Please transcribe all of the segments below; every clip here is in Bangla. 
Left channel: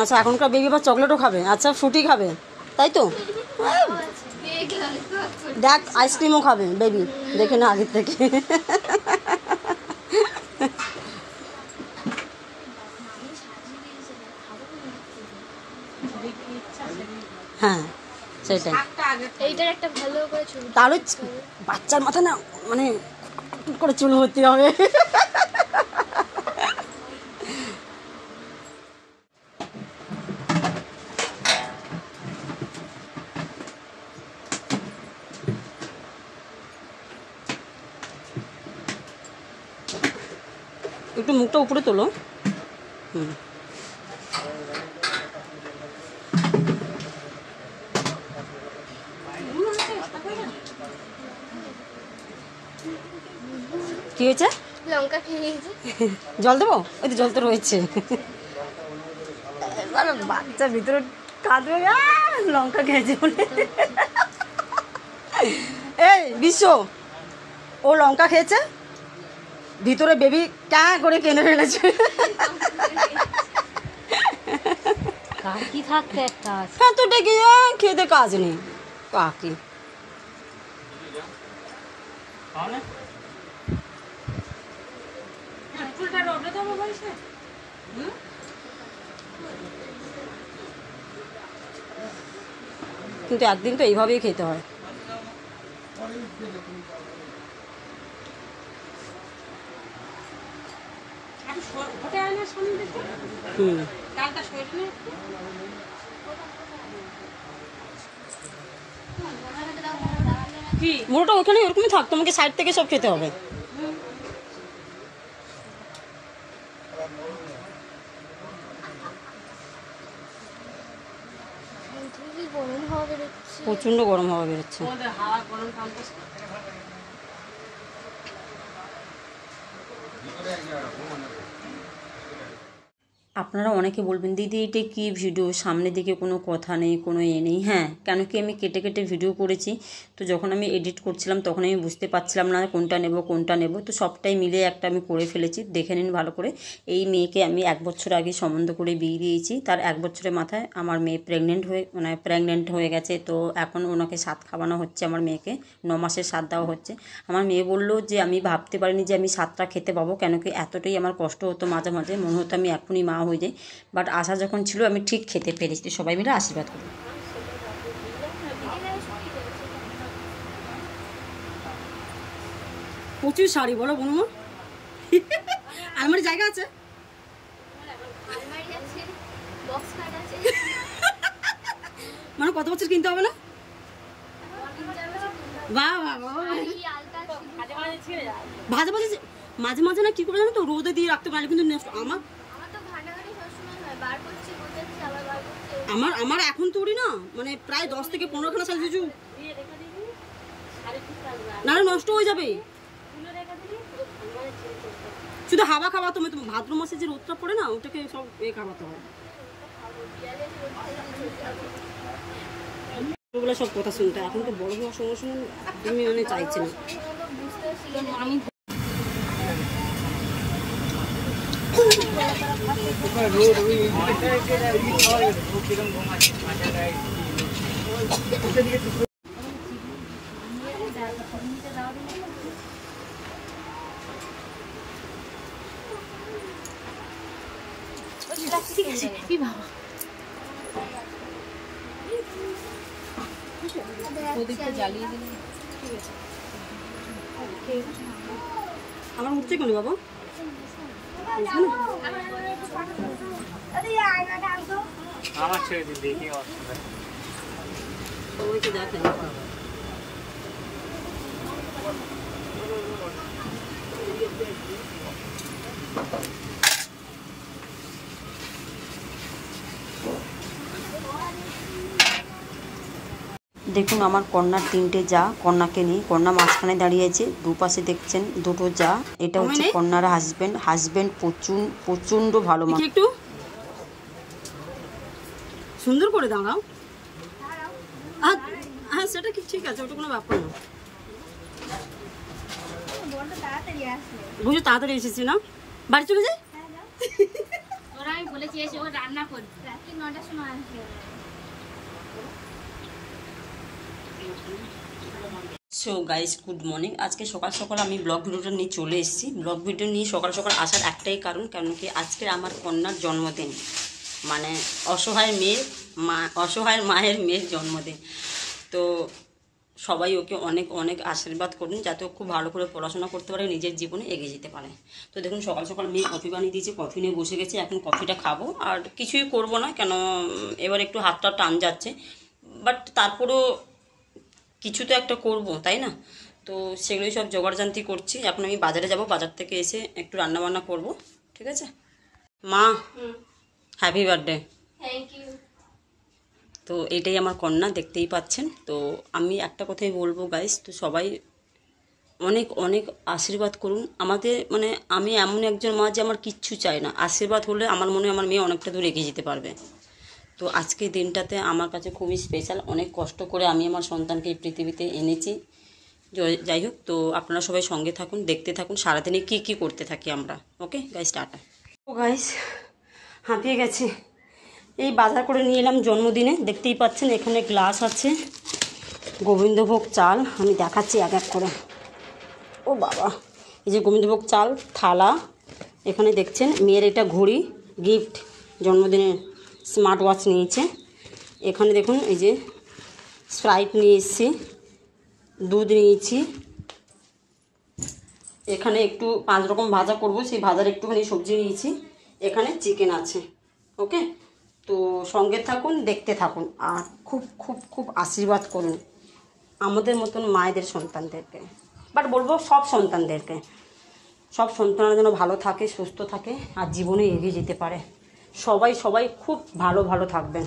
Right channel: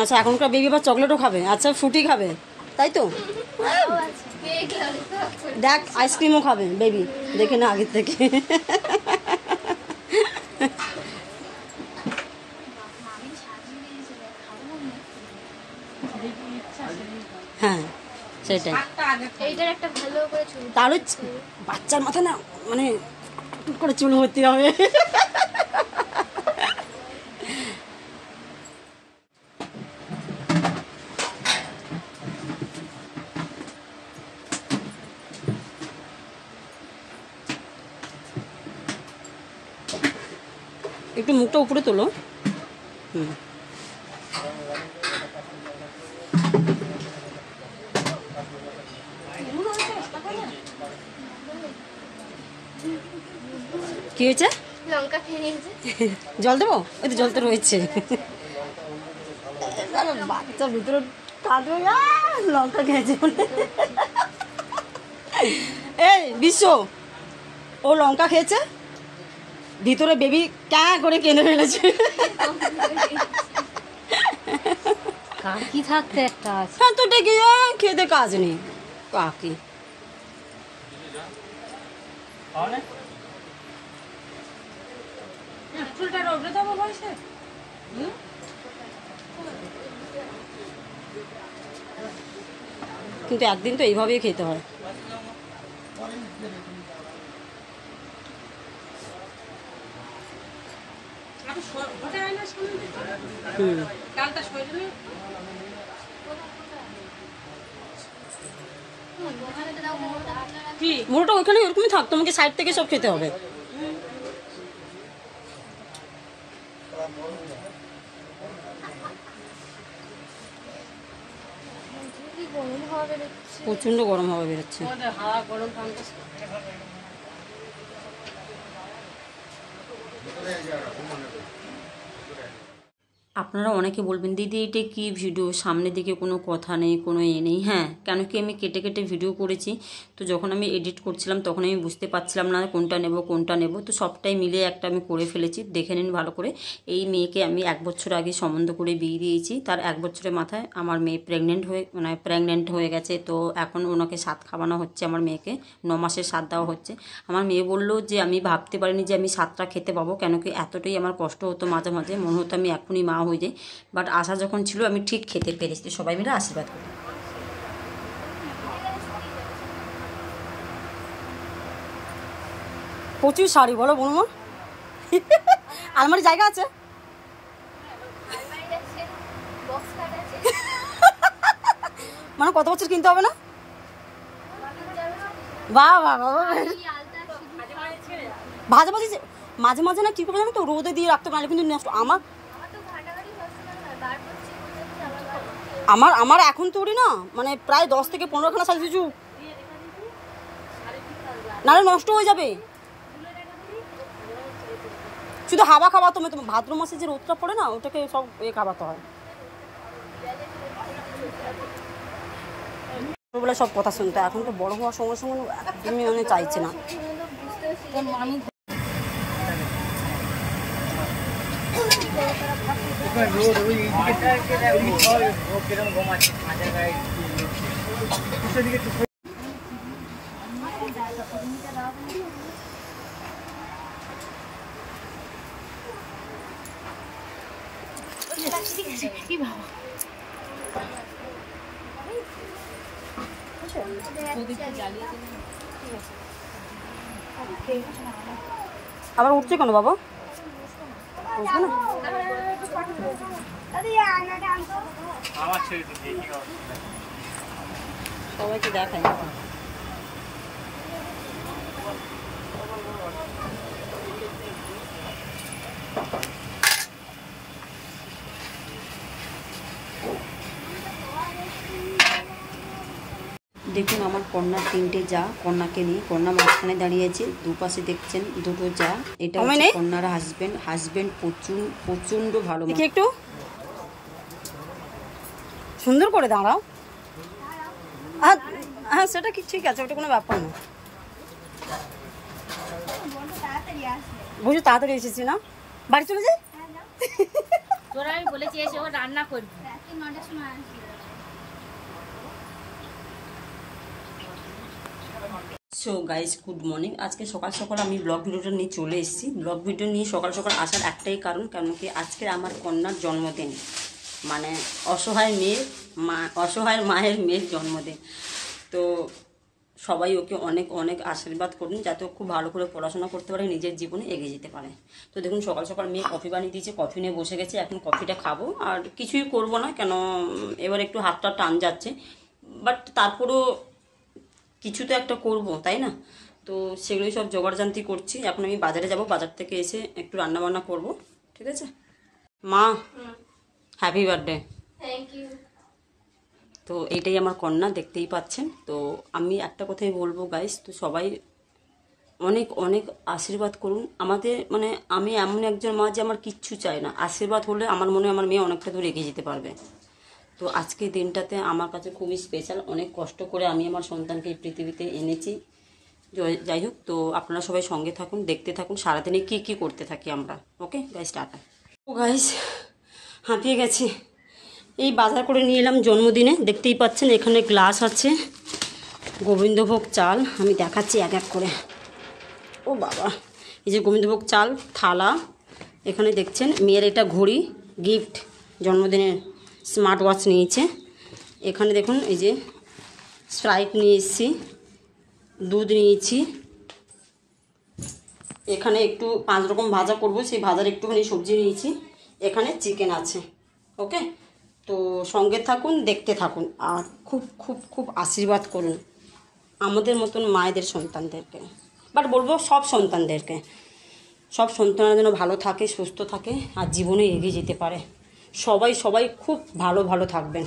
আচ্ছা এখনকার বেবি আবার চকলেটও খাবে, আচ্ছা ফ্রুটি খাবে, তাই তো? দেখ আইসক্রিমও খাবে বেবি, দেখে না আগের থেকে। হ্যাঁ সেটাই। তাহলে বাচ্চার মাথা না মানে করে চুল ভর্তি হবে। একটু মুখটা উপরে তোলো। হুম কি হয়েছে? লঙ্কা খেয়ে নিয়েছি। জল দেবো? ওই তো জল তো রয়েছে। বাচ্চা ভিতরে কাঁদবে লঙ্কা খেয়েছে বলে। এই বিশ্ব, ও লঙ্কা খেয়েছে, ভিতরে বেবি ক্যা করে কেনে ফেলেছে। কার কি থাকতে একটা আছে। হ্যাঁ তো ডেকে খেতে কাজ নেই কাকি। কিন্তু একদিন তো এইভাবেই খেতে হয়। হুম মোটা ওখানে ওরকমই থাক, তোমাকে সাইড থেকে সব খেতে হবে। প্রচন্ড গরম হাওয়া বেরোচ্ছে। আপনারা অনেকে বলবেন দিদি এটা কি ভিডিও, সামনের দিকে কোনো কথা নেই, কোনো নেই। হ্যাঁ, কেন কি আমি কেটে কেটে ভিডিও করেছি, তো যখন আমি এডিট করছিলাম তখন আমি বুঝতে পারছিলাম না কোনটা নেব, তো সবটাই মিলে একটা আমি করে ফেলেছি। দেখে নিন ভালো করে। এই মেয়েকে আমি 1 বছর আগে সম্বন্ধ করে বিয়ে দিয়েছি, তার 1 বছরের মাথায় আমার মেয়ে প্রেগনেন্ট হয়ে গেছে। তো এখন ওনাকে সাত খাওয়ানো হচ্ছে, আমার মেয়েকে 9 মাসের সাত দেওয়া হচ্ছে। আমার মেয়ে বললো যে আমি ভাবতে পারিনি যে আমি সাতটা খেতে পাবো, কেন কি এতটাই আমার কষ্ট হতো, মাঝে মাঝে মনে হতো আমি এখনই মা হয়ে যাই। বাট আশা যখন ছিল আমি ঠিক খেতে পেরেছি। সবাই মিলে আশীর্বাদ করি। প্রচুর শাড়ি বলো বলুন, আলমারি জায়গা আছে? মানে কত বছর কিনতে হবে না? বাহ বাহ বাহ, ভাজা ভাজি মাঝে মাঝে না কি করে জানো তো, রোদে দিয়ে রাখতে পারলে কিন্তু নষ্ট। আমার এখন তৈরি না মানে প্রায় 10 থেকে 15 খানা শাড়ি কিছু নাহলে নষ্ট হয়ে যাবে। শুধু হাওয়া খাওয়াতে হবে, তোমার ভাদ্র মাসে যে রোদটা পড়ে না ওটাকে সব খাওয়াতে হয়। ছোটবেলা সব কথা শুনতে, এখন তো বড় হওয়ার সঙ্গে সঙ্গে একদমই মানে চাইছে না। কি বাবা জ্বালিয়ে দিন, ঠিক আছে। আবার উঠছে কেন বাবা? উঠবে না? সবাইকে দেখাই। দেখুন আমার কন্যার 3টে যা, কন্যাকে নিয়ে কন্যা মাঝখানে দাঁড়িয়েছে, দুপাশে দেখছেন 2টো যা। এটা হচ্ছে কন্যার হাজবেন্ড প্রচন্ড ভালো। একটু সুন্দর করে দাঁড়াও। হ্যাঁ সেটা কি ঠিক আছে, ওটা কোনো ব্যাপার না। বুঝো তাড়াতাড়ি এসেছি না, বাড়ি চলে যাই। তোরা আমি বলেছি এসে ও রান্না করবি, রাত্রি 9টার সময় আসবে। So guys good morning. আজকে সকাল সকাল আমি ব্লগ ভিডিওটা নিয়ে চলে এসেছি। ব্লগ ভিডিও নিয়ে সকাল সকাল আসার একটাই কারণ, কেন কি আজকে আমার কন্যার জন্মদিন, মানে অসহায় মায়ের মেয়ের জন্মদিন। তো সবাই ওকে অনেক অনেক আশীর্বাদ করুন, যাতে ও খুব ভালো করে পড়াশোনা করতে পারে, নিজের জীবনে এগিয়ে যেতে পারে। তো দেখুন সকাল সকাল মেয়ে কফি বানিয়ে দিয়েছে, কফি নিয়ে বসে গেছে। এখন কফিটা খাবো, আর কিছুই করব না, কেন এবার একটু হাতটা টান যাচ্ছে, বাট তারপরও কিছু তো একটা করব, তাই না? তো সেগুলোই সব জোগাড়জান্তি করছি। এখন আমি বাজারে যাব, বাজার থেকে এসে একটু রান্না বান্না করব, ঠিক আছে? মা হ্যাপি বার্থডে। Thank you. তো এইটাই আমার কন্যা, দেখতেই পাচ্ছেন। তো আমি একটা কথাই বলবো গাইস, তো সবাই অনেক অনেক আশীর্বাদ করুন আমাদের। মানে আমি এমন একজন মা যে আমার কিচ্ছু চাই না, আশীর্বাদ হলে আমার মনে হয় আমার মেয়ে অনেকটা দূর এগিয়ে যেতে পারবে। তো আজকের দিনটাতে আমার কাছে খুবই স্পেশাল। অনেক কষ্ট করে আমি আমার সন্তানকে এই পৃথিবীতে এনেছি। যাই হোক, তো আপনারা সবাই সঙ্গে থাকুন, দেখতে থাকুন সারাদিনে কি কি করতে থাকি আমরা। Okay guys, tata. ও গাইস, হাঁপিয়ে গেছে। এই বাজার করে নিয়ে এলাম জন্মদিনে, দেখতেই পাচ্ছেন এখানে গ্লাস আছে, গোবিন্দভোগ চাল, আমি দেখাচ্ছি এক এক করে। ও বাবা, এই যে গোবিন্দভোগ চাল, থালা, এখানে দেখছেন মেয়ের এটা ঘড়ি গিফট, জন্মদিনের স্মার্ট ওয়াচ নিয়েছে। এখানে দেখুন এই যে স্প্রাইট নিয়ে এসেছি, দুধ নিয়েছি। এখানে একটু 5 রকম ভাজা করব, সেই ভাজার একটুখানি সবজি নিয়েছি। এখানে চিকেন আছে। ওকে, তো সঙ্গে থাকুন, দেখতে থাকুন, আর খুব খুব খুব আশীর্বাদ করুন আমাদের মতন মায়েদের সন্তানদেরকে, বাট বলবো সব সন্তানদেরকে। সব সন্তানরা যেন ভালো থাকে, সুস্থ থাকে, আর জীবনে এগিয়ে যেতে পারে। সবাই সবাই খুব ভালো ভালো থাকবেন।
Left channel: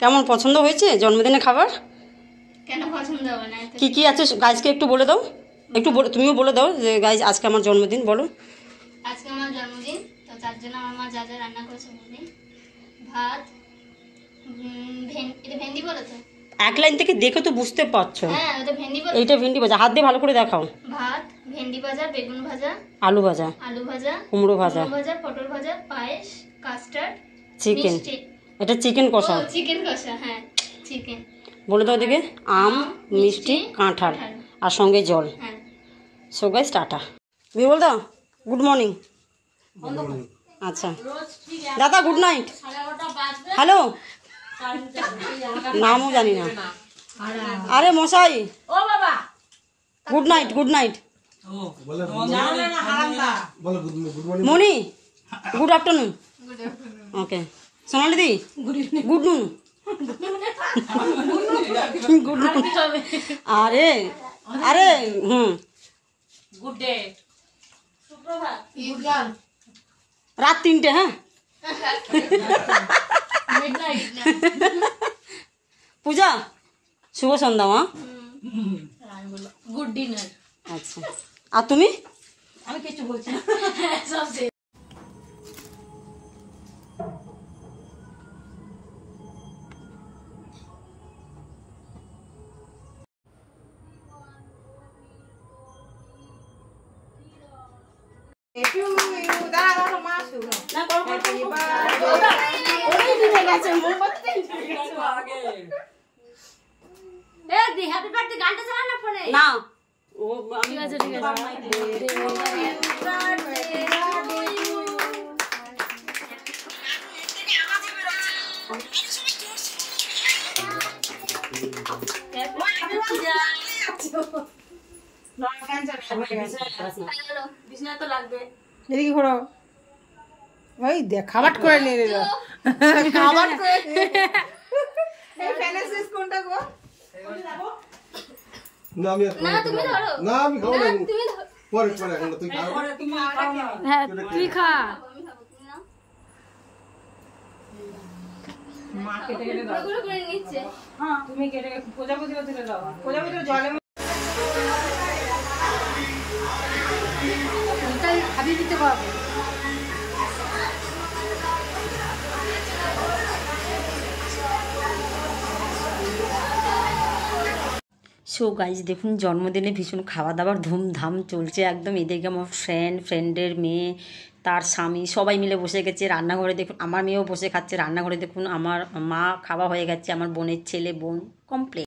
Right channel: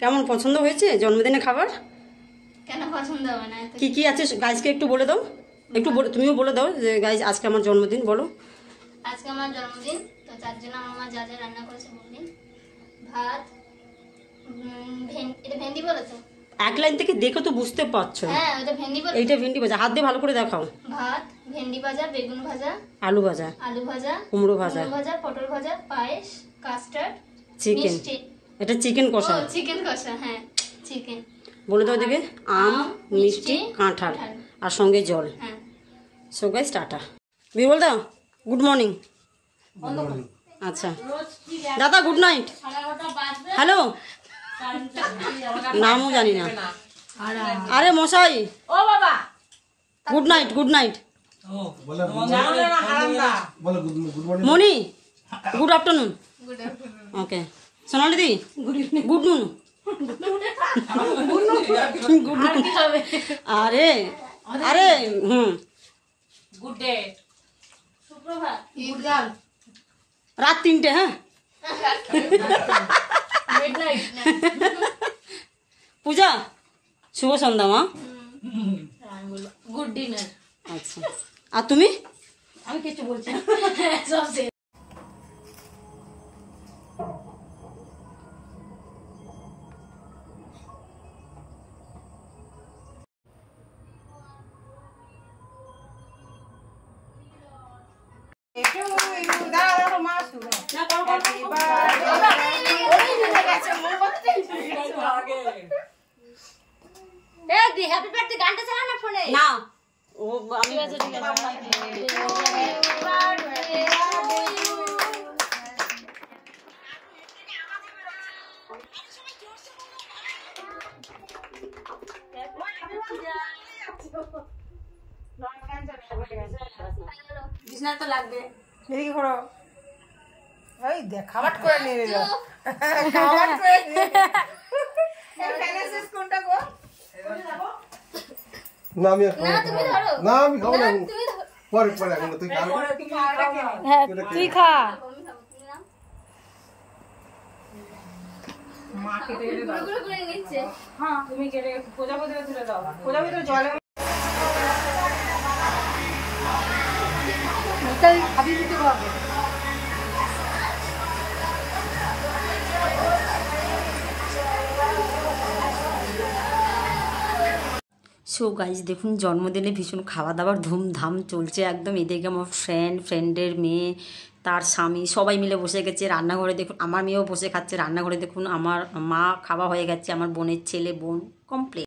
কেমন পছন্দ হয়েছে জন্মদিনে খাবার? কেন পছন্দ হবে না? কি কি আছে গাইজকে একটু বলে দাও, তুমিও বলে দাও যে গাইজ আজকে আমার জন্মদিন, বলো। আজকে আমার জন্মদিন, তো তার জন্য আমার মা যা যা রান্না করেছে মনে ভাত, এটা ভেন্ডি বলে তো, এক লাইন থেকে দেখে তো বুঝতে পারছো। হ্যাঁ ওটা ভেন্ডি বলে। এইটা ভেন্ডি ভাজা, হাত দিয়ে ভালো করে দেখাও। ভাত, ভেন্ডি ভাজা, বেগুন ভাজা, আলু ভাজা, কুমড়ো ভাজা, পটল ভাজা, পায়েস, কাস্টার্ড, চিকেন। এটা চিকেন কষা। চিকেন কষা, হ্যাঁ চিকেন। বলে দাও দিকে, আম, মিষ্টি, কাঁঠাল, আর সঙ্গে জল। হ্যাঁ, সো গাইস টাটা। তুমি বল দাও গুড মর্নিং। আচ্ছা দাদা গুড নাইট। হ্যালো, নামও জানি না। আরে মশাই, ও বাবা গুড নাইট। গুড নাইট মনি, গুড আফটারনুন। ওকে সোনালি দি, গুড নুন। গুড নুন। আরে আরে গুড ডে, সুপ্রভাত, রাত 3টে। হ্যাঁ পূজা, শুভ সন্ধ্যা মা। Good dinner. আচ্ছা, আর তুমি? আমি কিছু বলছি না, সব শেষ। হ্যাপি বার্থডে গানটা চালা না ফোনে। না ও আমি ঠিক আছে। বিছনা তো লাগবে। এদিকে ঘোরো। ওই দেখ খাবার করে নিয়ে নিল। খাবার করে নিয়ে এই ফ্যানের শেষ কোনটা গো? না আমি আর খাবো না না। তুমি ধরো না আমি খাবো না তুমি ধরো পরে পরে এখন তুই খাবি তুমি আরেকটা খেয়ে নাও। হ্যাঁ তুই খা। আমি খাবো তুমি নাও মা কেটে কেটে দাও। গুলো করে নিচ্ছে হ্যাঁ তুমি কেটে প্রজাপতিটা তুলে দাও। প্রজাপতিটা জলে খাবি দিতে পারবো। সো গাইজ দেখুন জন্মদিনে ভীষণ খাওয়া দাওয়ার ধুমধাম চলছে একদম। এদিকে আমার ফ্রেন্ডের মেয়ে, তার স্বামী সবাই মিলে বসে গেছে রান্নাঘরে। দেখুন আমার মেয়েও বসে খাচ্ছে রান্নাঘরে। দেখুন আমার মা খাওয়া হয়ে গেছে, আমার বোনের ছেলে বোন কমপ্লিট।